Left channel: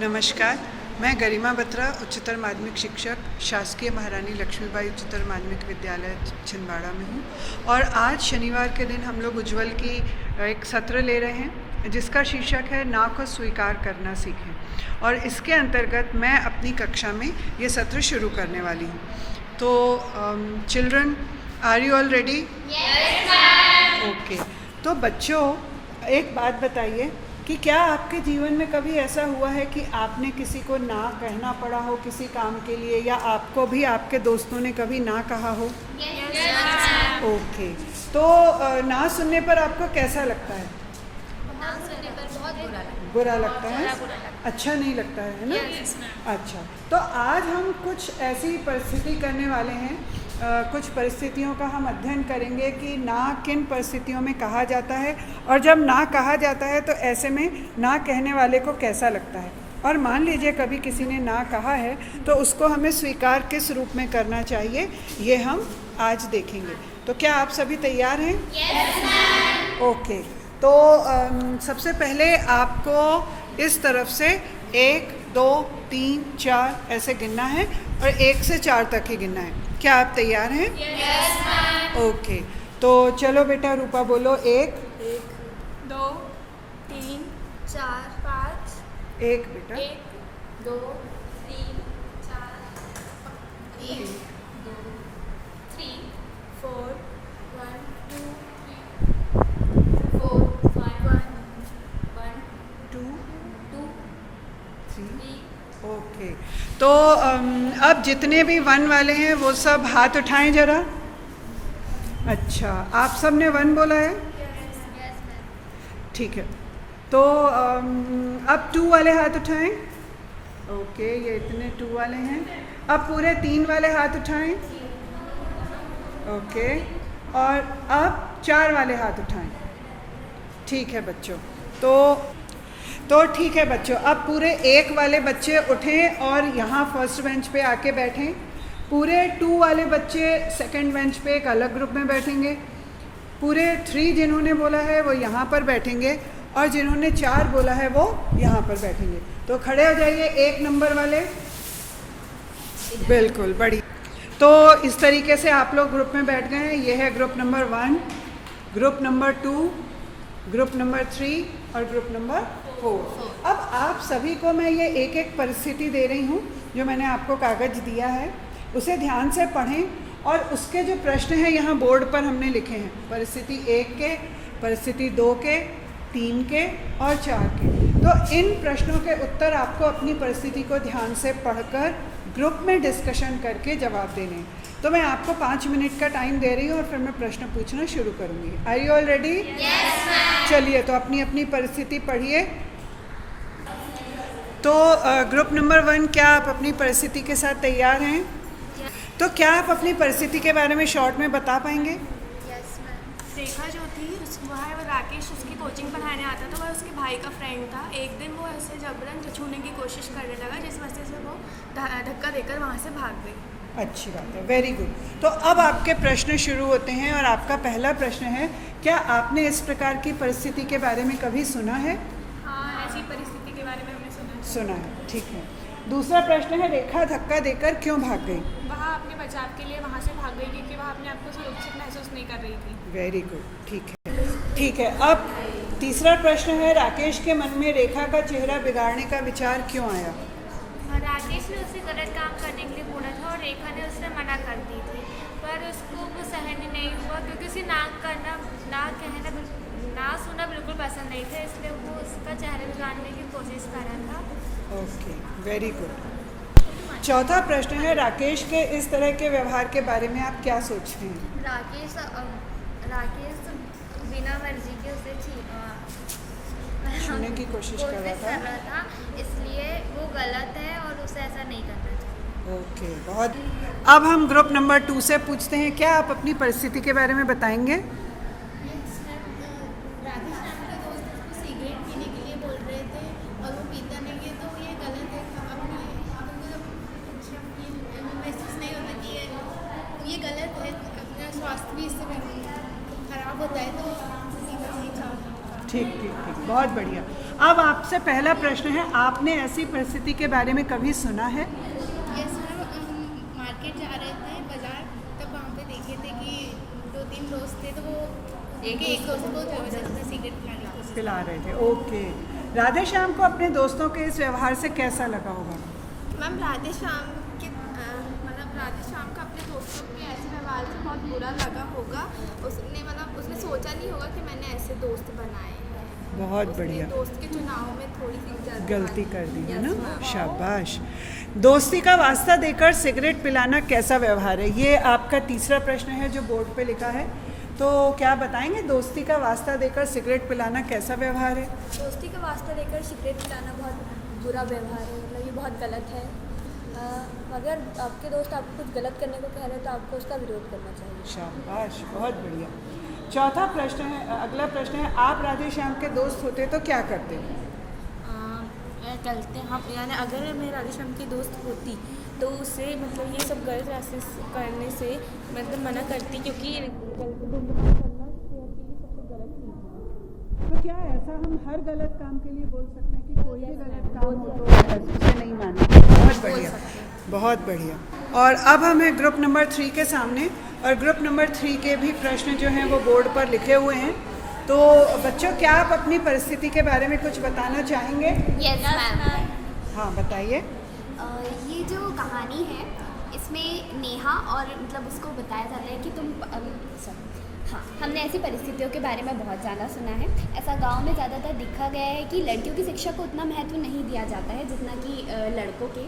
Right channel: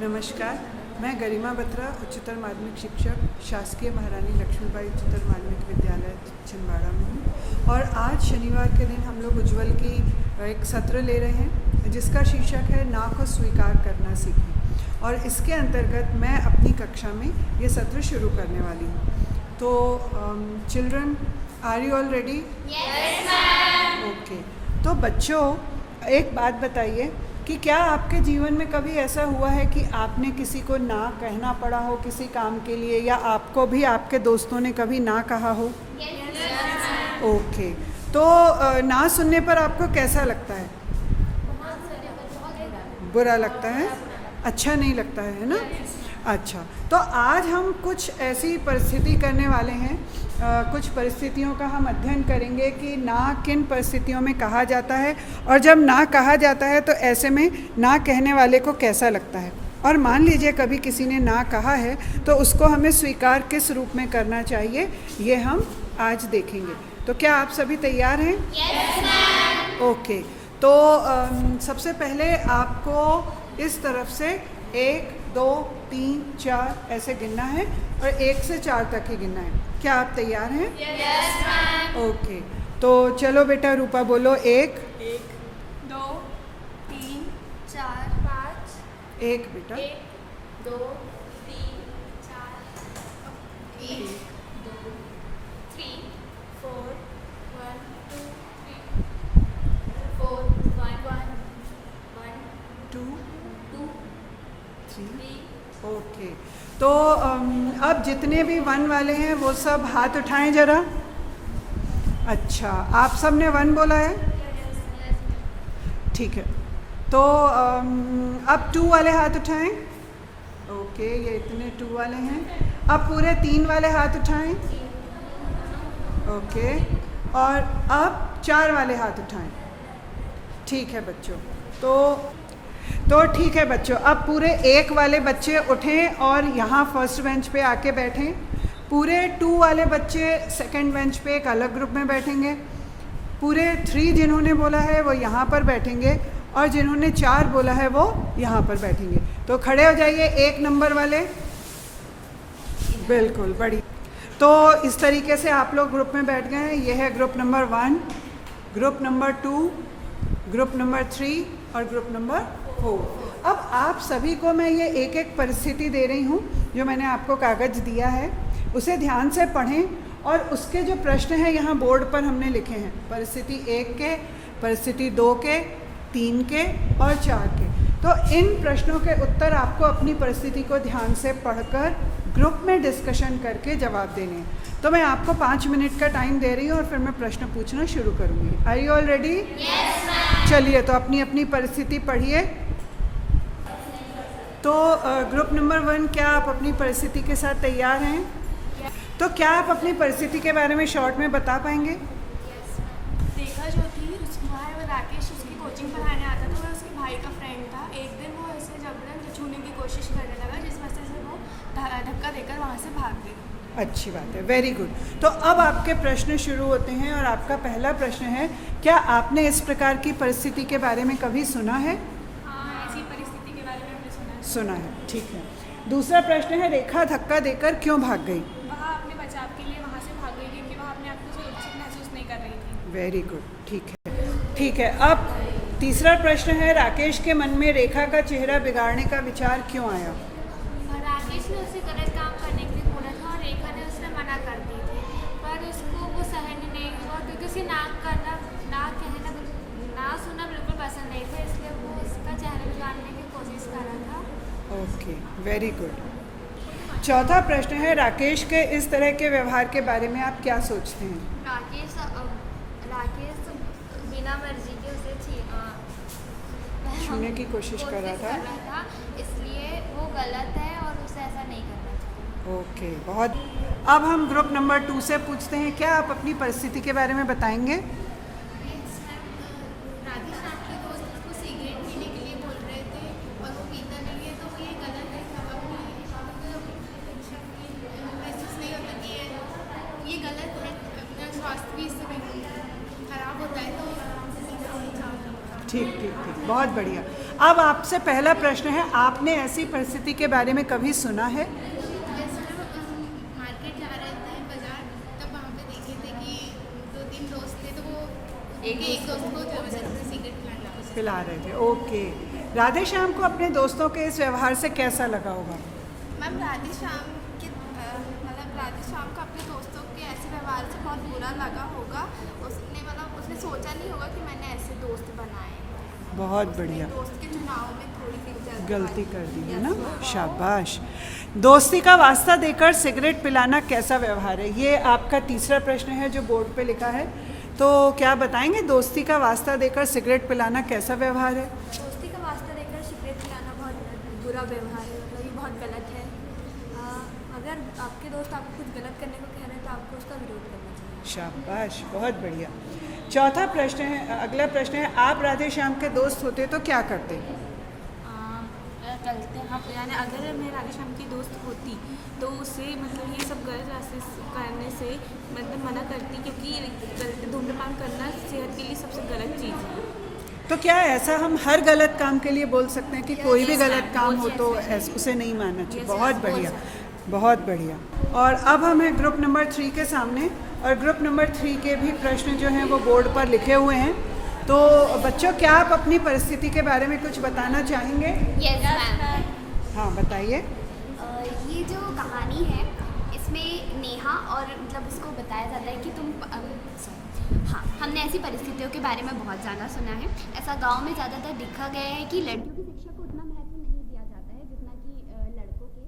नमस्कार, मैं गरिमा बत्रा, उच्चतर माध्यमिक शिक्षक, शासकीय महारानी लक्ष्मीबाई उच्चतर माध्यमिक विद्यालय छिंदवाड़ा में हूँ। और आज शनिवार के दिन हम लोग उज्ज्वल की एक सत्र ले रहे हैं जिसका शीर्षक है ना को स्वीकार करना सीखें। और इसके अंतर्गत मैं अपनी कक्षा में ये सत्र शुरू करने वाली हूँ। तो children, are you all ready? Yes ma'am. Okay. तो बच्चों, एक बात बताइए कि क्या आपके जीवन में कभी ऐसा हुआ है कि आपने किसी को ना कहना पड़ा हो किसी काम के लिए, या आपको भी आपके दोस्तों ने कभी ना कहा हो? यस। ओके। तो ना सुनने पर आपको कैसा लगता है? बुरा लगता है, अच्छा नहीं लगता है ना? अच्छा, तो आज हम कुछ ऐसी परिस्थिति करने वाले हैं, कुछ परिस्थितियों का हम अध्ययन करेंगे कि ना किन परिस्थितियों में कहा जाता है, और जब ना कहा जाता है तो ऐसे में ना कहने वाले को कैसा लगता है। और मान लीजिए कभी किसी ने ना कहा है तो उसको हमें स्वीकार किस रूप में करना चाहिए, ये हम आज देखेंगे। तो क्या आप सभी तैयार हैं? Yes ma'am. ओके। तो सबसे पहले आपको इस तरफ से 1 2 3 4 ऐसे गिनना है और 1 से 4 तक ही गिनना है। क्या आप तैयार हैं? Yes ma'am. ओके। तो चलो बेटा, रूपा बोलो। 1 2 3 4 5 1 बेटा 1 2 3 4 1 2 3 4 1 2 3 4 1 1 2 2 3 3 ओके। तो अब जितने भी 1 वाले हैं वो सब हाथ उठाएं जरा। अच्छा, आप सब ने 1 बोला है? ठीक है। तो अब 2 वाले हाथ उठाएं। ओके, ये इतने 2 वाले हैं। अब पूरे 3 वाले हाथ उठाएं। ओके, और अब 4 वाले हाथ उठाएं। ठीक है बच्चों। तो ठीक है बच्चों, अब पूरे 1 वाले बच्चे उठें और यहाँ फर्स्ट बेंच पे आके बैठें। पूरे 2 वाले बच्चे सेकंड बेंच पे एक अलग ग्रुप में बैठेंगे। पूरे 3 जिन्होंने बोला है वो यहाँ पर बैठेंगे, और जिन्होंने 4 बोला है वो यहाँ पर बैठेंगे। तो खड़े हो जाइए 1 नंबर वाले। बिल्कुल, बड़ी। तो इस तरीके से आप लोग ग्रुप में बैठ गए हैं। ये है group number 1, group number 2, group number 3 और ग्रुप नंबर 4। अब आप सभी को मैं ये एक एक परिस्थिति दे रही हूँ जो मैंने आपको कागज़ दिया है, उसे ध्यान से पढ़ें। और उसके जो प्रश्न हैं यहाँ बोर्ड पर हमने लिखे हैं, परिस्थिति 1 के, परिस्थिति 2 के, 3 के और 4 के। तो इन प्रश्नों के उत्तर आपको अपनी परिस्थिति को ध्यान से पढ़कर ग्रुप में डिस्कशन करके जवाब देने हैं। तो मैं आपको 5 मिनट का टाइम दे रही हूँ और फिर मैं प्रश्न पूछना शुरू करूँगी। Are you all ready? Yes ma'am. चलिए, तो अपनी अपनी परिस्थिति पढ़िए। तो ग्रुप नंबर 1, क्या आप अपनी परिस्थिति के साथ तैयार हैं? तो क्या आप अपनी परिस्थिति के बारे में शॉर्ट में बता पाएंगे? Yes ma'am. रेखा जो थी वह राकेश उसकी कोचिंग पढ़ाने आता था। वह उसके भाई का फ्रेंड था। एक दिन वो ऐसे जबरन छूने की कोशिश करने लगा, जिस वजह से वो धक्का देकर वहाँ से भाग गई। अच्छी बात है, वेरी गुड। तो अब आपके प्रश्न शुरू होते हैं और आपका पहला प्रश्न है, क्या आपने इस प्रकार की परिस्थिति के बारे में कभी सुना है? हाँ, ऐसी परिस्थिति के बारे में हमने सुना है। सुना है, ठीक है। दूसरा प्रश्न है, रेखा धक्का देकर क्यों भाग गई? वह अपने बचाव के लिए वहाँ से भाग गई क्योंकि वह अपने आप को सुरक्षित महसूस नहीं कर रही थी। वेरी गुड, ठीक है। ठीक है, अब तीसरा प्रश्न है, राकेश के मन में रेखा का चेहरा बिगाड़ने का विचार क्यों आया? राकेश ने उसे गलत काम करने के लिए बोला था और रेखा ने उससे मना कर दी थी, पर उसको वो सहन नहीं हुआ क्योंकि उसे ना सुनना बिल्कुल पसंद नहीं था, इसलिए वो उसका चेहरा बिगाड़ने की कोशिश कर रहा था। Okay, very good. चौथा प्रश्न है, राकेश के इस तरह के व्यवहार के बारे में आप क्या सोचते हैं? राकेश बिना मर्जी के उसे छूने की कोशिश कर रहा था, इसलिए वो गलत है और उसे ऐसा नहीं करना चाहिए। ओके, बहुत। अब हम ग्रुप नंबर 2 से पूछते हैं, क्या आप अपनी परिस्थिति के बारे में बताएंगे? राकेश नाम के दोस्त उसको सिगरेट पीने के लिए बोल रहे थे और वो पीता नहीं है, तो ये गलत है। महसूस नहीं होता कि ये गलत है, अपना स्वास्थ्य भी इससे खराब होता है, तो ठीक ठीक ठीक, बहुत बढ़िया। अब आपसे पहला प्रश्न है, आपने ऐसी परिस्थिति के बारे में कभी सुना है? यस मैम, हम मार्केट जा रहे थे बाजार, तब वहाँ पे देखे थे कि 2-3 दोस्त थे, तो वो एक दोस्त को जबरदस्ती सिगरेट पिलाने की कोशिश पिला रहे थे। ओके, राधे श्याम को अपने दोस्तों के इस व्यवहार से कैसा लगा होगा? मैम राधे श्याम के मतलब राधे श्याम का अपने दोस्तों के ऐसे व्यवहार से बहुत बुरा लगा होगा। उसने सोचा नहीं होगा कि मैंने ऐसे दोस्त बनाए हैं। बहुत उसने बढ़िया, दोस्त के चुनाव में थोड़ी सी गलती कर दी है ना, Yes, ma'am। शाबाश। दोस्ती का वास्ता देकर सिगरेट पिलाना कैसा व्यवहार है? ये आपका तीसरा प्रश्न है जो बोर्ड पे लिखा है, तो क्या बताएंगे दोस्ती का वास्ता देकर सिगरेट पिलाना कैसा व्यवहार है? दोस्ती का वास्ता देकर सिगरेट पिलाना बहुत बुरा व्यवहार है, मतलब ये बहुत गलत है। अगर आपके दोस्त आपको कुछ गलत करने को कह रहे हैं तो आपको उसका विरोध करना चाहिए। शाबाश, बहुत बढ़िया। चौथा प्रश्न है, अगला प्रश्न है, आप राधे श्याम के दोस्त होते तो क्या करते? चलते हम यानी अगर मैं राधे श्याम की दोस्त होती तो उससे मतलब ये सब गलत रास्ते करने से मतलब मना करती, क्योंकि गलत धूम्रपान करना सेहत के लिए सबसे गलत चीज़ है। तो क्या ऐसा हम हर गलत काम के लिए बोल सकते हैं कि कोई भी गलत काम हो तो उसे नहीं मानना? बहुत बढ़िया, बहुत बढ़िया। और अब हम हैं ग्रुप नंबर 3 के सामने, और ग्रुप नंबर 3 के भी प्रश्न जो हैं वो बोर्ड पर लिखे हुए हैं। तो बच्चों, क्या आप अपनी परिस्थिति के बारे में कुछ बताना चाहेंगे? Yes ma'am. हाँ, बताइए। ये जो कहानी है इसमें नेहा और मतलब उसको बताया जाता है कि हाँ, हमने ऐसी परिस्थितियों के बारे में बहुत ज़्यादा सुना है। ऐसा गांव में ज़्यादातर देखा गया है कि लड़कियों की शिक्षा को उतना महत्व नहीं दिया जाता है जितना कि लड़कों के।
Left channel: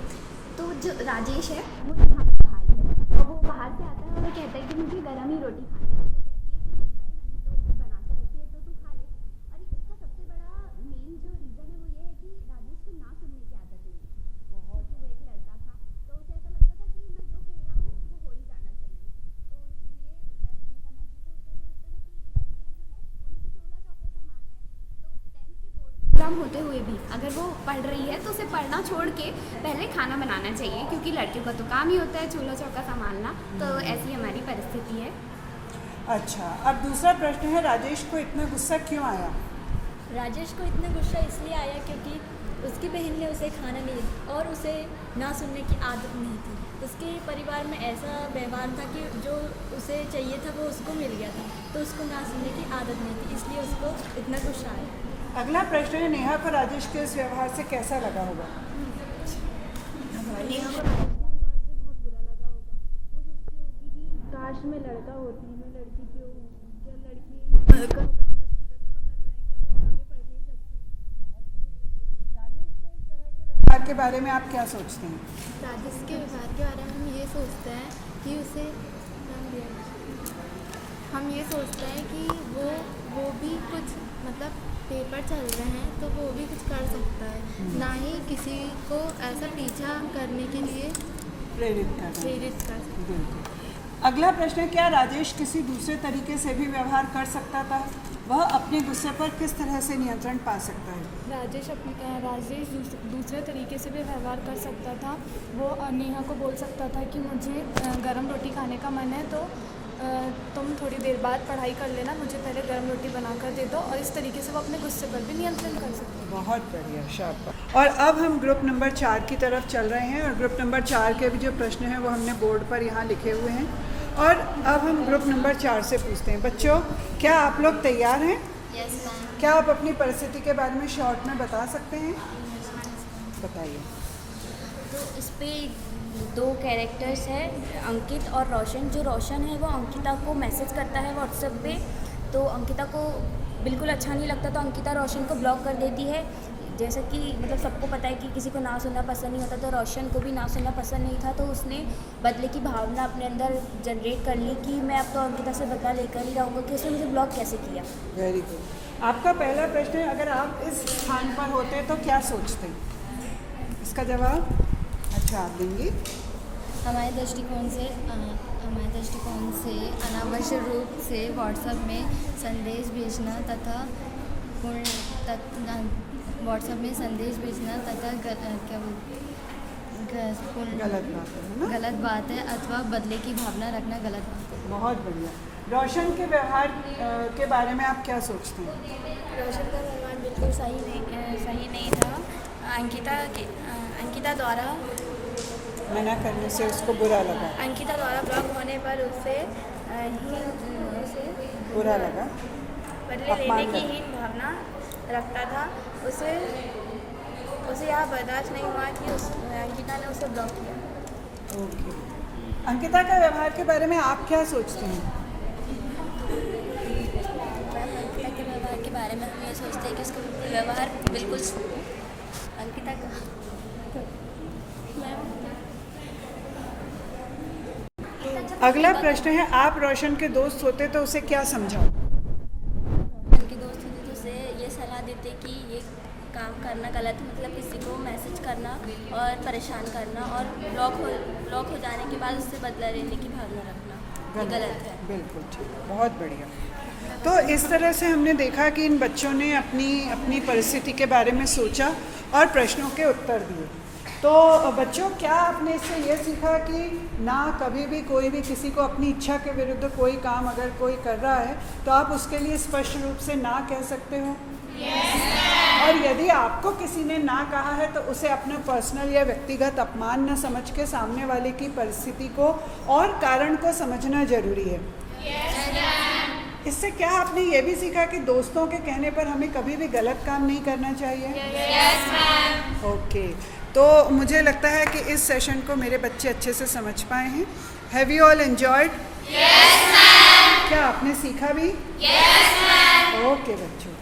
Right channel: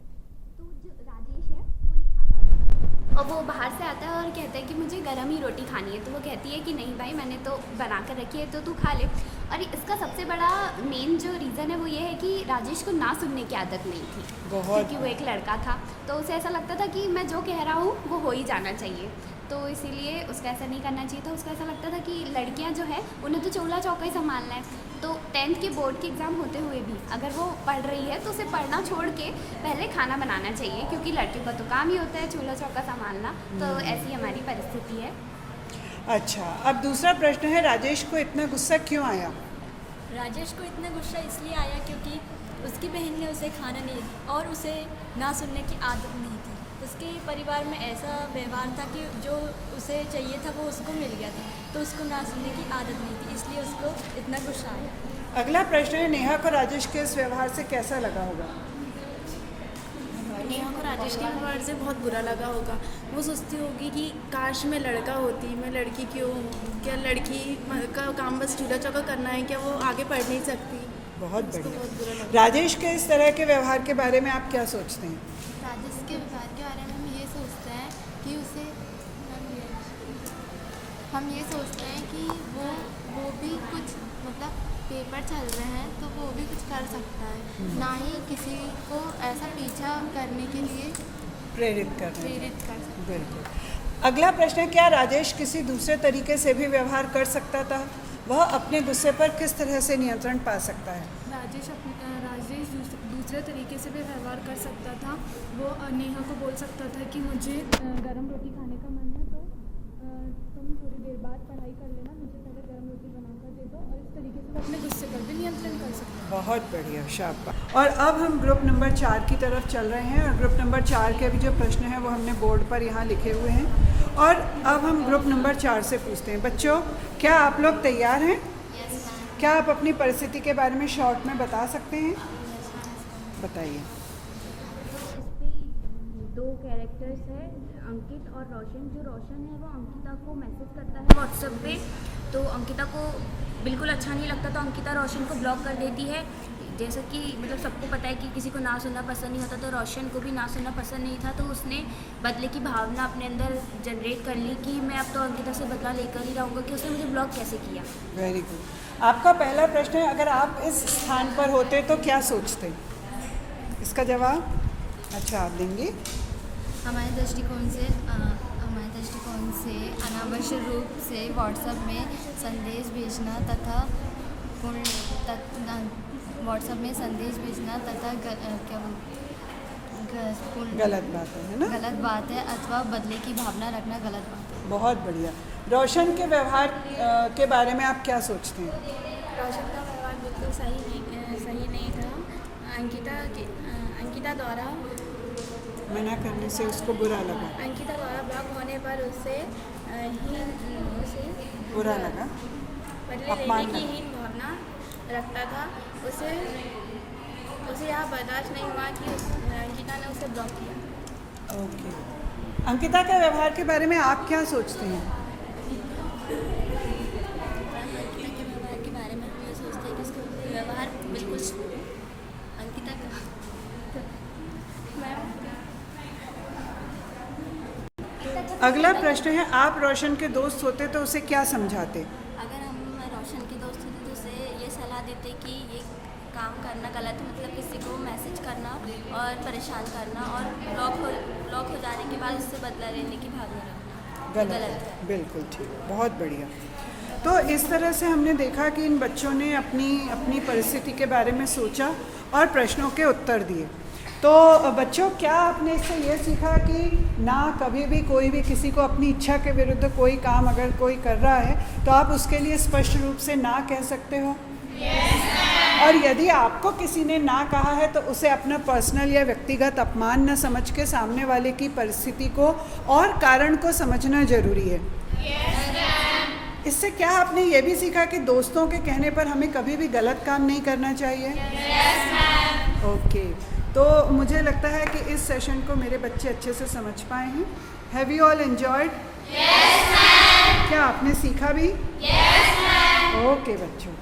तो जो राजेश है वो नेहा का भाई है और वो बाहर से आता है और कहता है कि मुझे गर्म ही रोटी खानी है। तो वो कहती है कि नहीं भाई, मैंने तो बना कर रखी है तो तू खा ले। और इसका सबसे बड़ा मेन जो रीज़न है वो ये है कि राजेश को ना सुनने की आदत नहीं थी, क्योंकि वो एक लड़का था। तो उसे ऐसा लगता था कि मैं जो कह रहा हूँ वो हो ही जाना चाहिए, तो इसीलिए उसका ऐसा नहीं करना चाहिए था। उसका ऐसा लगता था कि लड़कियां जो है उन्हें तो चूल्हा चौका ही संभालना है। तो 10th के बोर्ड के एग्ज़ाम होते हुए भी अगर वो पढ़ रही है तो उसे पढ़ना छोड़ के पहले खाना बनाना चाहिए, क्योंकि लड़कियों का तो काम ही होता है चूल्हा चौका संभालना। तो ऐसी हमारी परिस्थिति है। अच्छा, अब दूसरा प्रश्न है, राजेश को इतना गुस्सा क्यों आया? राजेश को इतना गुस्सा इसलिए आया क्योंकि उसकी बहन ने उसे खाना नहीं और उसे ना सुनने की आदत नहीं थी। उसके परिवार में ऐसा व्यवहार था कि जो उसे चाहिए था वो उसको मिल गया था, तो उसको ना सुनने की आदत नहीं थी, इसलिए उसको इतना गुस्सा आया। अगला प्रश्न है, नेहा को राजेश के इस व्यवहार से कैसा लगा होगा? नेहा को राजेश के व्यवहार से बहुत बुरा लगा होगा। वो सोचती होगी कि काश मैं लड़का होती, मैं लड़की क्यों हूँ? क्या लड़की का काम बस चूल्हा चौका करना है? क्या वो आगे पढ़ नहीं सकती? बहुत उसको बढ़िया। बहुत बुरा लगा। राजेश के इस तरह के व्यवहार के बारे में आप क्या सोचते हैं? राजेश के व्यवहार के बारे में हम ये सोचते हैं कि हम ये सोचते हैं कि वो भी कुछ मतलब पेपर चल रहे हैं तो वो भी कुछ कर सकता है, ना ही किसी को ऐसा पीछा करने के लिए प्रेरित कर रहे हैं। प्रेरित कर सकता है। बिल्कुल। अगला प्रश्न है, क्या राजेश किसी दूसरे तरीके से भी व्यवहार कर सकता था? वह अपने गुस्से पर किस तरह से नियंत्रण पा सकता है? राजेश दूसरे तरीके से भी व्यवहार कर सकता था। वो नेहा को बोल सकता था कि मुझे गरम रोटी खाने का मन है, तो तुम थोड़ी देर बाद पढ़ाई कर लेना, मुझे पहले गरम रोटी बना कर दे दो। और इस तरीके से वो अपने गुस्से पर भी नियंत्रण कर सकता है। बहुत बढ़िया, शाबाश। और अब हम ग्रुप नंबर 4 की तरफ चल रहे हैं, और ग्रुप नंबर 4 के भी जो प्रश्न हैं वो हमने बोर्ड पर यहाँ लिखे हुए हैं। और अब हम ग्रुप नंबर 4 से पूछते हैं। बच्चों, क्या आप लोग तैयार हैं? Yes ma'am. क्या आप अपनी परिस्थिति के बारे में शॉर्ट में बता सकते हैं? बताइए। तो इस पे 2 कैरेक्टर्स हैं, अंकित और रोशन। जो रोशन है वो अंकिता को मैसेज करता है व्हाट्सएप पे, तो अंकिता को बिल्कुल अच्छा नहीं लगता, तो अंकिता रोशन को ब्लॉक कर देती है। जैसा कि मतलब सबको पता है कि किसी को ना सुनना पसंद नहीं होता, तो रोशन को भी ना सुनना पसंद नहीं था, तो उसने बदले की भावना अपने अंदर जनरेट कर ली कि मैं अब तो अंकिता से बदला लेकर ही रहूँगा कि उसने मुझे ब्लॉक कैसे किया। Very good. आपका पहला प्रश्न है, अगर आप इस स्थान पर होते तो क्या सोचते? इसका जवाब अच्छा आप देंगी। हमारे दृष्टिकोण से अनावश्यक रूप से व्हाट्सएप में संदेश भेजना तथा गलत बात है ना? गलत बात है, अथवा बदले की भावना रखना गलत बात है। बहुत बढ़िया। रोशन के व्यवहार के बारे में आप क्या सोचते हैं? रोशन का व्यवहार बिल्कुल सही नहीं था। अंकिता द्वारा मना करने से उसको बुरा लगा। अंकिता द्वारा ब्लॉक होने पर उसे बुरा लगा। बदले लेने की हीन भावना रखता था। उसे यह बर्दाश्त नहीं हुआ कि अंकिता ने उसे ब्लॉक किया। ओके। अंकिता का व्यवहार के बारे में आप क्या सोचते हैं? अंकिता के व्यवहार के बारे में हम ये सोचते हैं कि उसका व्यवहार बिल्कुल अंकिता का अगला प्रश्न है, आप रोशन के दोस्त होते तो उसे क्या समझाते? अगर हम रोशन के दोस्त होते तो उसे ये सलाह देते कि ये काम करना गलत है, मतलब किसी को मैसेज करना और परेशान करना और ब्लॉक हो जाने के बाद उससे बदला लेने की भावना रखना गलत है। बिल्कुल ठीक, बहुत बढ़िया। तो इस तरह से हमने देखा कि इन बच्चों ने अपनी परिस्थिति के बारे में सोचा और प्रश्नों के उत्तर दिए। तो बच्चों, क्या आपने इससे ये सीखा कि ना कभी भी कोई भी किसी को अपनी इच्छा के विरुद्ध कोई काम अगर कोई कर रहा है तो आप उसके लिए स्पष्ट रूप से ना कह सकते हो? और यदि आपको किसी ने ना कहा है तो उसे अपना पर्सनल या व्यक्तिगत अपमान न समझ के सामने वाले की परिस्थिति को और कारण को समझना जरूरी है। इससे क्या आपने ये भी सीखा कि दोस्तों के कहने पर हमें कभी भी गलत काम नहीं करना चाहिए? ओके। तो मुझे लगता है कि इस सेशन को मेरे बच्चे अच्छे से समझ पाए हैं। Have you all enjoyed? क्या आपने सीखा भी? ओके बच्चों।